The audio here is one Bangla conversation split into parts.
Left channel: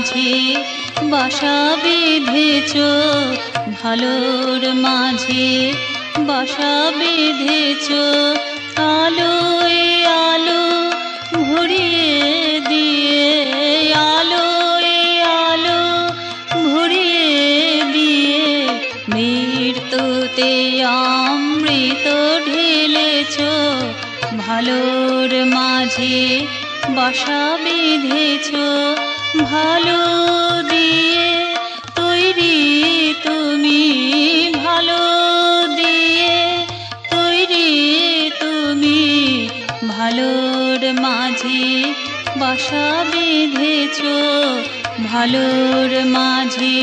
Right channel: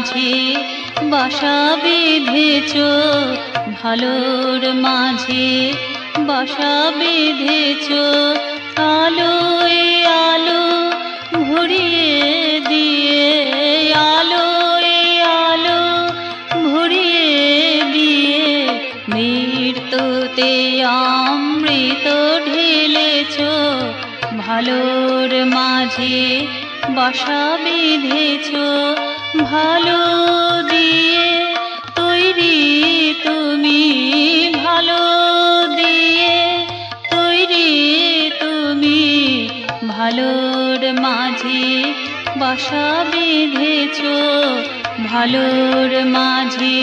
মাঝে বাসা বেঁধেছ, ভালোর মাঝে বাসা বেঁধেছ। আলোয় আলো ভরিয়ে দিয়ে, আলোয় আলো ভরিয়ে দিয়ে মৃত্যুতে অমৃত ঢেলেছ, ভালোর মাঝে বাসা বেঁধেছ। ভালো দিয়ে তৈরি তুমি, ভালো দিয়ে তৈরি তুমি, ভালোর মাঝে বাসা বেঁধেছ, ভালোর মাঝে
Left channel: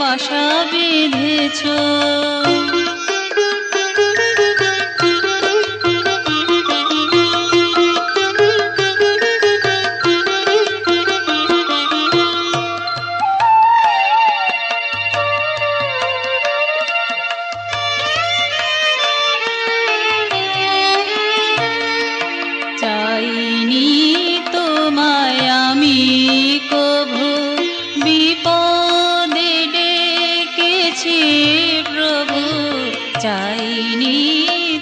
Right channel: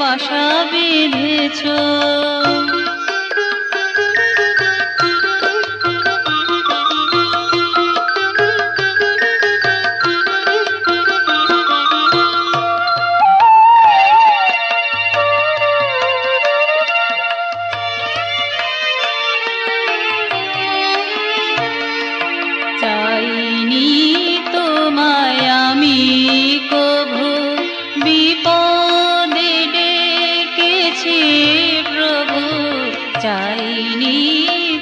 বাসা বেঁধেছ। চাইনি তোমায় আমি কভু, বিপদে ডেকেছি প্রভু। চাইনি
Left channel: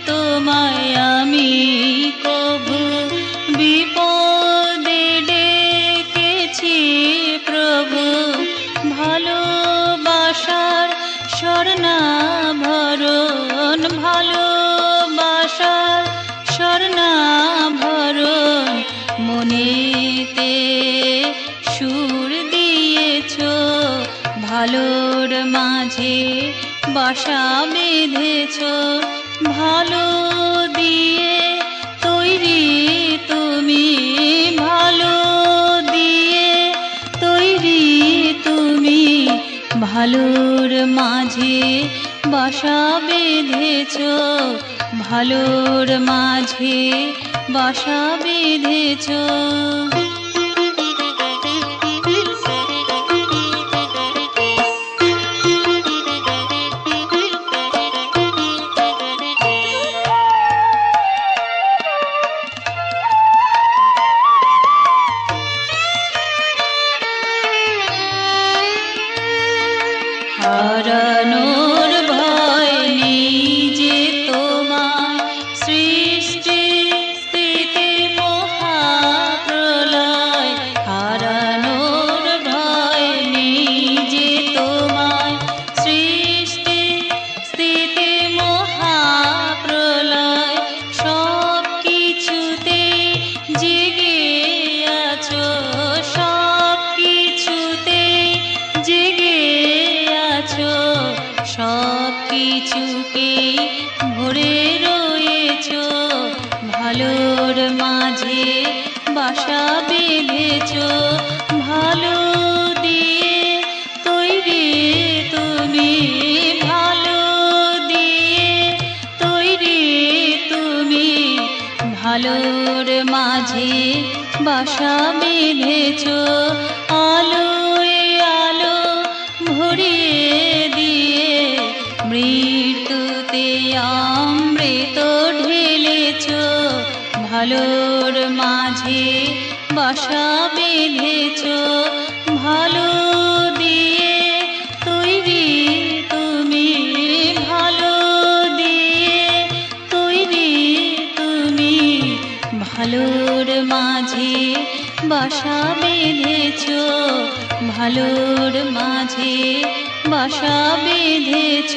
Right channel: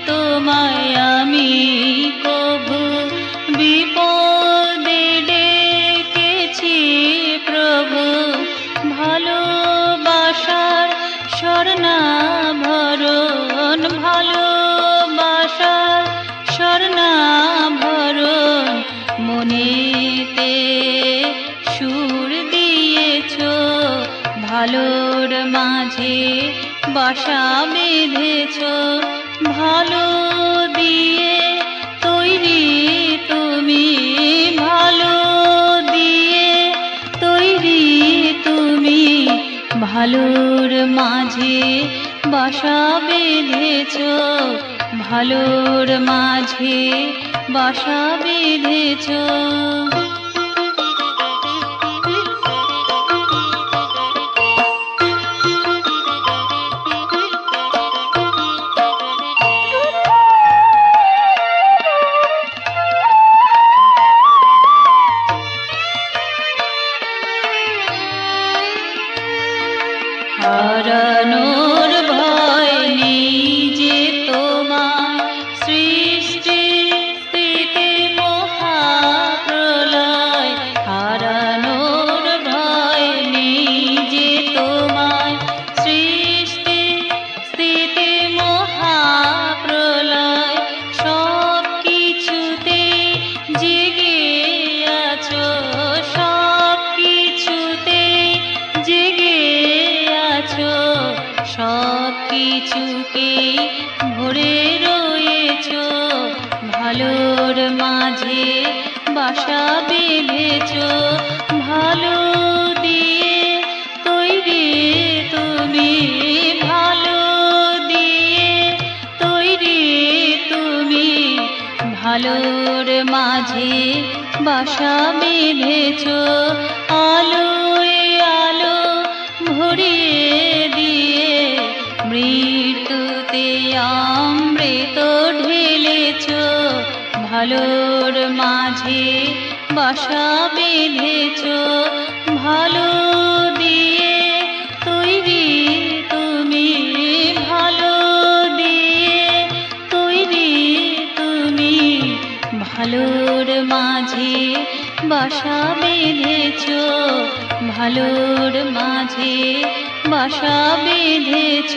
তোমায় আমি কভু, বিপদে ডেকেছি প্রভু। ভালোবাসার স্বর্ণাভরণ, ভালোবাসার স্বর্ণাভরণ মনেতে সুর দিয়েছ, ভালোর মাঝে বাসা বেঁধেছ। ভালো দিয়ে তৈরি তুমি, ভালো দিয়ে তৈরি তুমি, ভালোর মাঝে বাসা বেঁধেছ, ভালোর মাঝে বাসা বেঁধেছ। হারানোর ভয় নেই যে তোমার, সৃষ্টি স্থিতি মহাপ্রলয়। হারানোর ভয় নেই যে তোমার, সৃষ্টি স্থিতি মহাপ্রলয়। সব কিছুতে জেগে আছো, সব কিছুতে জেগে আছো, সব কিছুকেই ভরে রয়েছ, ভালোর মাঝে বাসা বেঁধেছ। ভালো দিয়ে তৈরি তুমি, ভালো দিয়ে তৈরি তুমি, ভালোর মাঝে বাসা বেঁধেছ। আলোয় আলো ভরিয়ে দিয়ে মৃত্যুতে অমৃত ঢেলেছ, ভালোর মাঝে বাসা বেঁধেছ। ভালো দিয়ে তৈরি তুমি, ভালো দিয়ে তৈরি তুমি, ভালোর মাঝে বাসা বেঁধেছ, ভালোর মাঝে বাসা বেঁধেছ,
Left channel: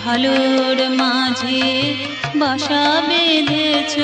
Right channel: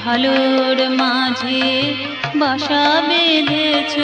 ভালোর মাঝে বাসা বেঁধেছ।